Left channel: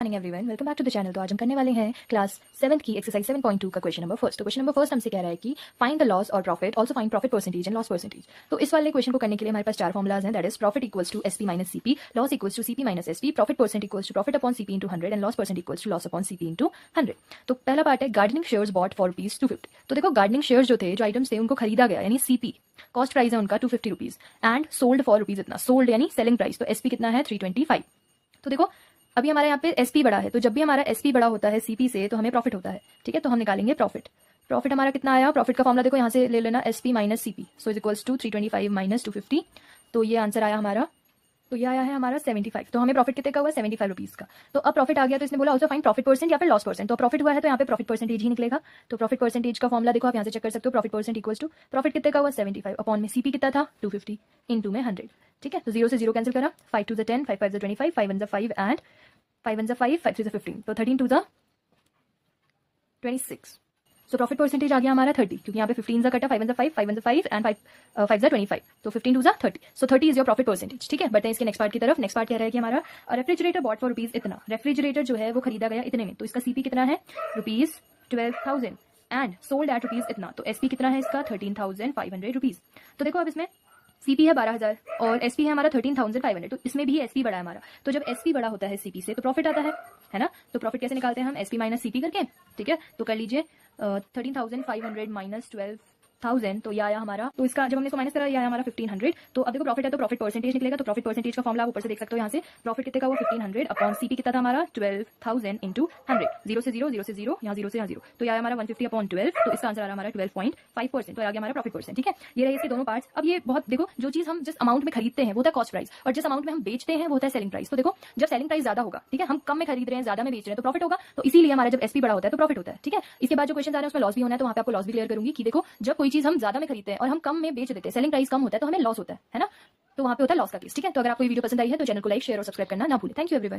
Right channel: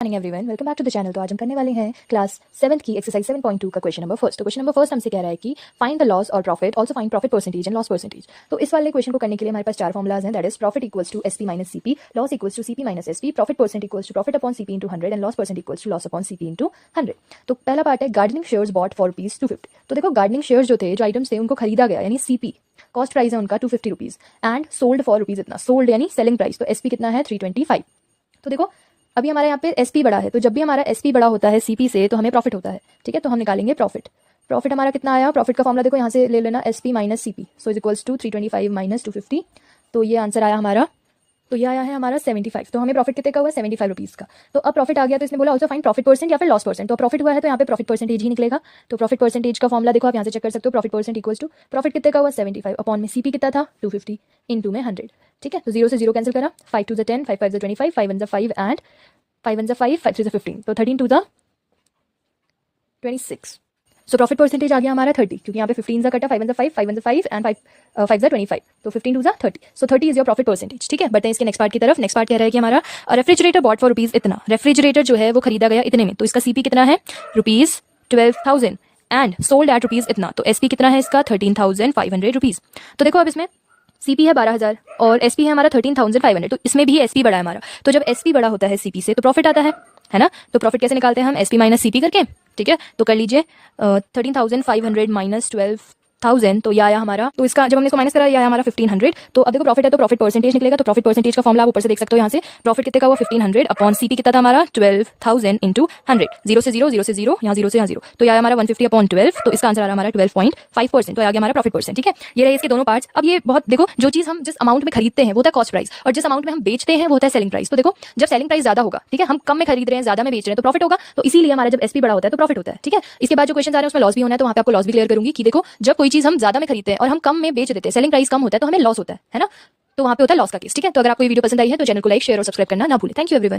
Morning everyone, welcome back to the channel. तो आज हम करने वाले हैं क्लास 7th की एक्सरसाइज 7.2 का क्वेश्चन नंबर फर्स्ट। तो क्वेश्चन नंबर फर्स्ट हमसे कह रहा है कि फाइंड द लॉस और profit, also find profit percentage and loss percentage. तो इस वाले क्वेश्चन को करने के लिए हमारे पास चार फॉर्मुलाज हैं, that is profit equals to SP minus CP, loss equals to CP minus SP, profit percent equals to profit upon CP into 100 and loss percent equals to loss upon CP into 100। तो पहला part है gardening shares bot for ₹250। तो देखो gardening shares जो थे, जो items थे, उनको खरीदा गया, यानी सीपी कॉस्ट प्राइस है उनका ₹250 एंड सोल्ड फॉर रुपीज इतना, सोल्ड यानी सेलिंग प्राइस, तो एसपी कितना है 325। तो देखो अभी हमारे यहाँ पे एसपी बड़ा है, तो जब भी हमारा एसपी बड़ा होता है सीपी से तो हमें प्रॉफिट होता है, ठीक है। तो हम निकालेंगे प्रॉफिट। प्रॉफिट हमारा कितना आया, प्रॉफिट का फॉर्मूला देखो यहाँ से ले लेना, SP minus CP, so is equals to 325 minus 250। तो ये आंसर आया हमारा, तो ये आया है हमारा 75। तो हमें प्रॉफिट कितने का हुआ, 75 रुपीज़ का। तो अब प्रॉफिट आ गया, तो इसने बोला ऑल्सो फाइंड प्रॉफिट परसेंट या फिर लॉस परसेंट। तो प्रॉफिट हुआ है तो यहाँ पे प्रॉफिट परसेंटेज ही निकलेगा। तो प्रॉफिट परसेंटेज का फॉर्मूला देखो आप यहाँ से चेक कर सकते हो, profit percent equals to profit कितने का हुआ 75 अपॉन में सीपी कितना था 250 इंटू में 100, ठीक है। तो 0 से 0 कैंसिल करा, 5 2 10, 5 5 25, 5 1 5 एंड 5 1 5, 5 3 15, तो 13 2 26। सो प्रॉफिट परसेंटेज आ गया हमारा 30, क्योंकि यहाँ पे 15 का कटा, 5 1 5, 5 1 5 एंड 5 25, तो 15 2 30। सो 30 इज योर प्रॉफिट परसेंटेज, ठीक है। बढ़ते हैं इसके नेक्स्ट पार्ट की तरफ। नेक्स्ट पार्ट कह रहा है कि हमारा रेफ्रिजरेटर बॉट फॉर रुपीज इतना, रेफ्रिजरेटर जो है वो खरीदा गया इतने में, तो इसका सीपी कितना है ₹12,000 एंड सोल्ड एट रुपीज इतना, तो एसपी कितना है इसका 13,500 रुपीज। तो देखो अब इसमें सीपी है 12,000 और एसपी है हमारा 13,500, तो इसमें भी एसपी बड़ा है हमारा। तो जब एसपी बड़ा होता है सीपी से तो प्रॉफिट आता है ना। तो प्रॉफिट कैसे निकालते हैं हम, एसपी माइनस सीपी करके, ठीक है। तो कर लीजिए 13,500 माइनस 12,000, तो यह आया हमारा, तो इसका जब हमने इसको माइनस करा, यह आया हमारा 1500। तो अब देखो प्रॉफिट है तो प्रॉफिट परसेंटेज निकलेगा, तो प्रॉफिट परसेंटेज का फॉर्मूला आप ऊपर से देख सकते हो यहाँ से, प्रॉफिट कितने का हुआ 1500 अपॉन सीपी कितना था हमारा 12,000 इंटू 100, 0 से 0, 0 से 0, यहाँ 0 से यहाँ 0, तो यह आया हमारा 150 अपॉन 12, तो इसका आंसर आ रहा हमारा 12.5%, तो आ गया हमारा प्रॉफिट परसेंट, ठीक है। ये रहे इसके दोनों पार्ट्स। अब ये बहुत देखो, जो चीज हम जिस अमाउंट में खरीदते हैं वो होता है कॉस्ट प्राइस, और जिस अमाउंट में हम बेचते हैं वो होता है सेलिंग प्राइस। तो देखो जब सेलिंग प्राइस ज्यादा होगा, ठीक है, हम कम में खरीद रहे हैं, ज्यादा में बेच रहे हैं, तो प्रॉफिट होगा। तो इसीलिए हमारा जब एसपी बड़ा होता है तो प्रॉफिट होता है, ठीक है। इसके बाद जो क्वेश्चन आ रहे हैं उसमें लॉस भी होना है, तो वहाँ पे आपको लॉस भी क्लियर करूंगी कि देखो जब कोई चीज हम ज्यादा में खरीदते हैं और हम कम में बेच देते हैं, सेलिंग प्राइस कम होता है, तो हमें लॉस होता है ना। तो वहाँ पे होता है लॉस का केस, ठीक है। तो अगर आपको ये वीडियो पसंद आई है तो चैनल को लाइक, शेयर और सब्सक्राइब करना ना भूलें। Thank you everyone.